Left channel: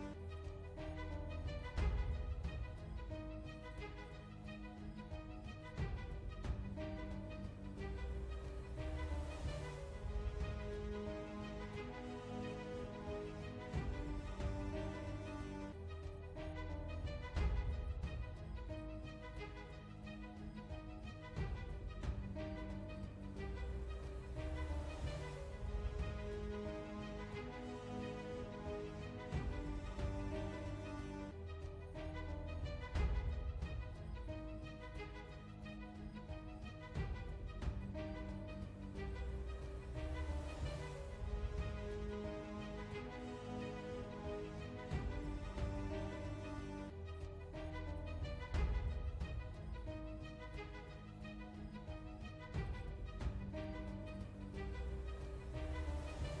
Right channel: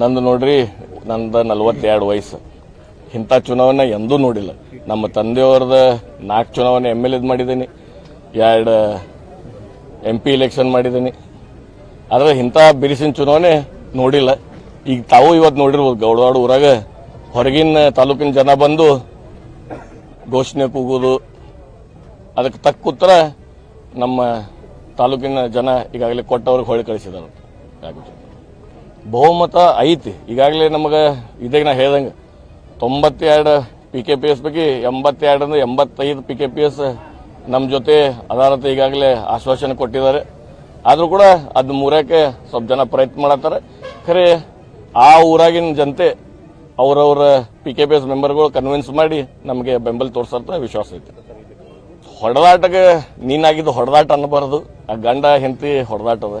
ನಂದು ನೋಡ್ರಿ, ನಂದು ನಲ್ವತ್ತೆರಡು ವಯಸ್ಸು. ಇಂಥ ಚುನಾವಣೆ ಎಂದೂ ನೋಡಿಲ್ಲ. ನಮ್ಮ ತಂದೆಯವ್ರದ ನಾಲ್ಕು ಚುನಾವಣೆ ಎಂ ಎಲ್ ಎದ್ ಮಾಡಿದ್ದೀನಿ. ಎರಡು ಎಂ ಪಿ ಇಲೆಕ್ಷನ್ ಮಾಡಿದ್ದೀನಿ. ಆದರೆ ಇಂಥ ಬಿರಿಸಿನ ಚುನಾವಣೆ ನೋಡಿಲ್ಲ. ಈಗ ತಾವು ಇವತ್ತು ನೋಡಿರ್ಬೋದು, ಗೌಡವಾಡ ಊರಾಗ ಹೊರಗಿನ ತಾಲೂಕಿನ ಜನ ಬಂದು ಘೋಷಣೆ ಕೂಗೋದು. ಅದಕ್ಕೆ ತಕ್ಕ ಉತ್ತರ ನಮ್ಮ ತಾಲೂಕಿನ ಜನ ಈಗಾಗಲೇ ಕೊಟ್ಟವ್ರಿಗೆ ಹೊಳೆ ಕಳಿಸಿದ್ದಾರೆ. ಬಹುಮತ ಐತಿ. ಈಗಾಗಲೇ ನಮಗೆ ಇದಾಗ ನಾ ಹೇಳ್ದಂಗೆ ತೊಂಬತ್ತೆರಡು ಪಿ ಕೆ ಪಿ ಎಸ್ ಬಗ್ಗೆ ಎಂಬತ್ತೆರಡರಿಂದ ಎಂಬತ್ತೈದು ಪಿ ಕೆ ಪಿ ಎಸ್ ನಮ್ಮ ಜೊತೆ ಅದಾರತ ಈಗಾಗಲೇ ಆಶ್ವಾಸನೆ ಕೊಟ್ಟಿದ್ದಾರೆ. ಆದರೂ ಕೂಡ ಅದು ಮೂರಕ್ಕೆ ಸ್ವಲ್ಪ ಜನ ಪ್ರಯತ್ನ ಮಾಡತ್ತಾರೆ. ಖರೆ ಆ ಊರಾಗಿನ ಜನತೆ ಅವರವರ ಪಿ ಕೆ ಪಿ ಎಸ್ ಮೆಂಬರ್ಗಳು ಕನ್ವಿನ್ಸ್ ಮಾಡಿ ನಮಗೆ ಬೆಂಬಲ ತೋರಿಸಂತ ವಿಶ್ವಾಸ ಐತಿ. ಹೊಡೆದಾಟಕ್ಕೆ ನೀನಾಗಿದ್ದು ಹೊಡೆದಾಟ ಅನ್ನಬಾರದು. ಆ ಗಂಡ ಹೆಂಡತಿ ಹೊಡೆದಾಟದ.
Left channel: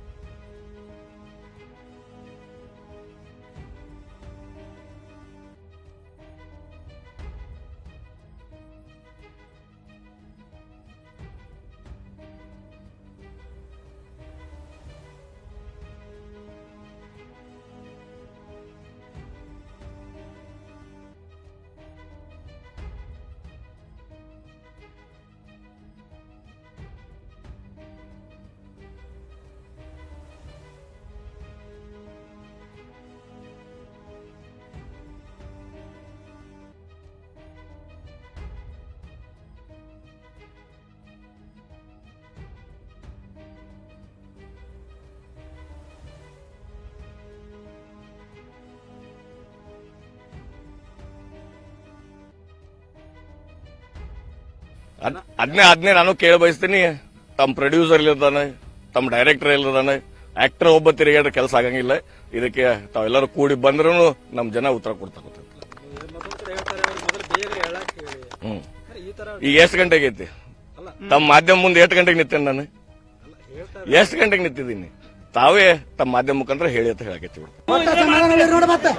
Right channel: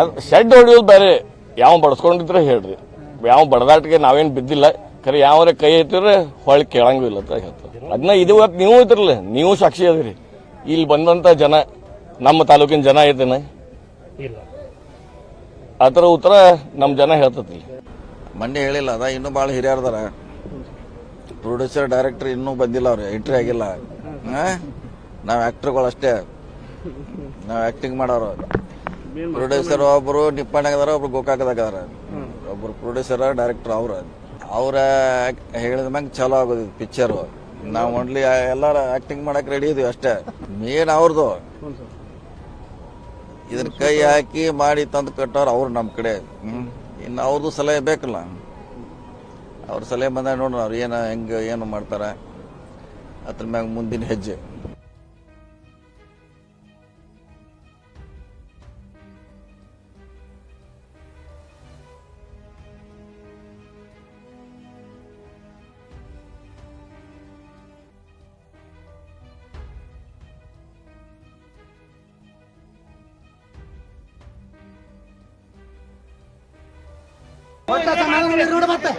ಅದು ಶೆಡ್ ಹೊಡೆಯೋದು ಬೇರೆ. ಯಾವ ಬಡ್ಸ್ಕೊಂಡಿದ್ರೆ ಹೇಳ್ರಿ. ಯಾವ ಬಡದಾಟಿಗೆ ನಾವೇನು ಬಿದ್ದಿಲ್ಲ. ಖರೆ ಯಾವ್ರೆ ಕೈ ಐತಿದ್ರೆ ಹೊಳ್ಳಿ ಕೇಳಂಗಿಲ್ಲ ಅಂತ ಹೇಳ್ತಾರೆ. ಅದನ್ನ ಇದು ಇವತ್ತು ನೀವು ಇದ್ರಲ್ಲ ನೀವು ಸಾಕ್ಷಿ ಅದಿರಿ. ಇಲ್ಲಿ ಬಂದಂತ ಜನ ನಮ್ಮ ತಾಲೂಕಿನ ಜನ ಐತೇನ? ಆ ಥರ ಉತ್ತರ ನಮ್ಮ ಜನ ಹೇಳ್ತತಿ ಮೊನ್ನೆ ಹೇಳಿಲ್ಲ ಅದ ಇನ್ನೂ ಭಾಳ ಹಿರಿಯರ್ದಾರ ಪ್ರೊಡ್ಯೂಸರ್ ಡೈರೆಕ್ಟರ್ ಇನ್ನೂ ಬಂದಿಲ್ಲ ಅವ್ರು ಎಂಟ್ರಿ ಆಗಿಲ್ಲ. ನಾವು ಆ್ಯಕ್ಟ್ರುಗಳು ಅಷ್ಟೇ. ನಾವು ಆ್ಯಕ್ಟಿಂಗ್ ಮಾಡೋರು. ಪ್ರೊಡ್ಯೂಸರ್ ಒಬ್ಬರು ನಿಪ್ಪಾಣಾಗದಾರ ಒಬ್ರು ಗೋಕಾಕದಾಗ ಅದಾರ. ಒಬ್ರು ಪ್ರೊಡ್ಯೂಸರ್, ಡೈರೆಕ್ಟರ್ ಅವ್ರ. ಅವ್ರ ಹೇಳಿದ ಮ್ಯಾಂಗ ಚಲೋ ಆಗೋದು ಪಿಕ್ಚರು. ನಾವು ಒನ್ಲಿ ಎಲ್ಲಾರ ಆಕ್ಟಿಂಗ್ ಮಾಡಕ್ಕೆ ರೆಡಿ ಇದೀವಿ ಅಷ್ಟೇ. ಮೇನ್ ಅವ್ರದ್ದು ಇದನ್ನ ಕೈ ಹಾಕಿ ಮಾಡಿ ತಂದು ಕಟ್ಟೋರು ಅವ್ರು ನಮ್ಮ ಕಡೆ. ಇನ್ನು ಅವ್ರದ್ದು ಸಲಹೆ ಬೇಕಲ್ಲ. ಅವ್ರ ಸಲಹೆ ಬಂದಾಗ ನೋಡೋಣ ಅವ್ರು ಏನು, ಹೆಂಗೆ, ಏನು ಮಾಡ್ತಾರೆ. ಅದ್ರ ಮ್ಯಾಗ ಮುಂದಿನ ಹೆಜ್ಜೆ. ಅದನ್ನೇ ಅದ್ನೇ ಅದ್ನೇ ನಾನು ಕೇಳ ಬಯಸ್ತೀನಿ. ತಮ್ಮ ಪ್ರೊಡ್ಯೂಸರ್ ಇಲ್ಲದಾನೆ ತಮ್ಮ ಡೈರೆಕ್ಟರ್ ಇಲ್ಲದಾನೆ ಆಕ್ಟರ್ ಒಬ್ಬ ತಿರುಗಾಡ್ರೆ ಕೆಲಸ ಆಗಂಗಿಲ್ಲ. ಇದಕ್ಕೆ ತಾವೆಲ್ಲರೂ ಕೂಡಿ ಬಂದ್ರೂ ನಮ್ಮ ಜನ ಉತ್ತರ ಕೊಡ್ತಾರೆ. ಹ್ಮ್. ಈಗ ಎಷ್ಟು ಗಂಟೆಗೆ ಐತಿ ತಮ್ಮ ಮಾಧ್ಯಮ ಮುಂದೆ ಎಷ್ಟು ಗಂಟೆಗೆ ನಿಂತೇನೆ ನಾನು? ಎಷ್ಟು ಗಂಟೆಗೆ ನಿಂತಿದ್ದೀನಿ? ತಾವೇ ತಮ್ಮ ಮಾಧ್ಯಮ ಮುಖಾಂತರ ಹೇಳಿ ಅಂತ ಹೇಳಕತ್ತೀವಿ. ನೋಡಿ ಮತ್ತೆ.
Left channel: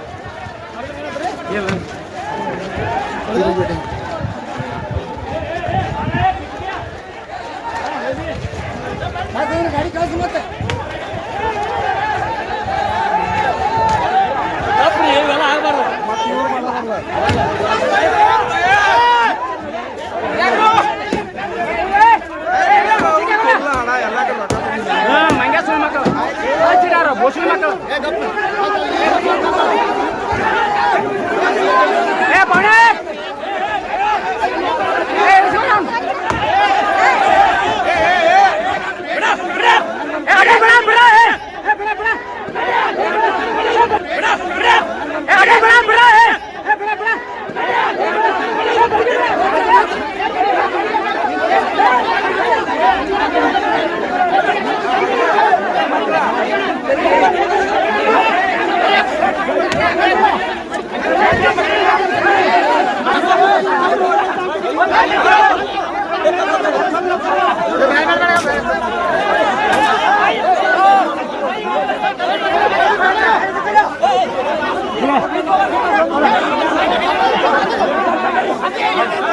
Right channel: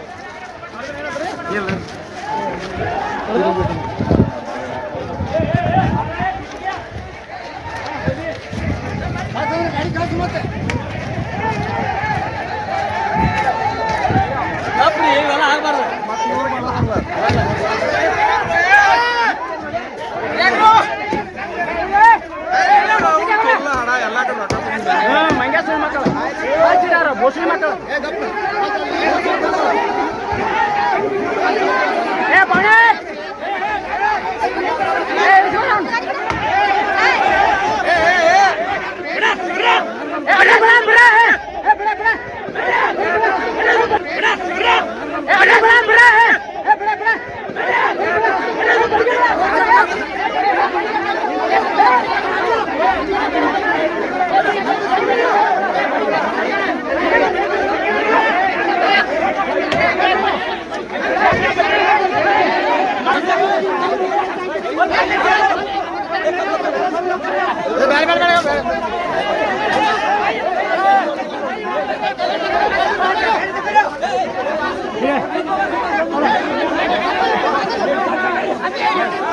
Yeah.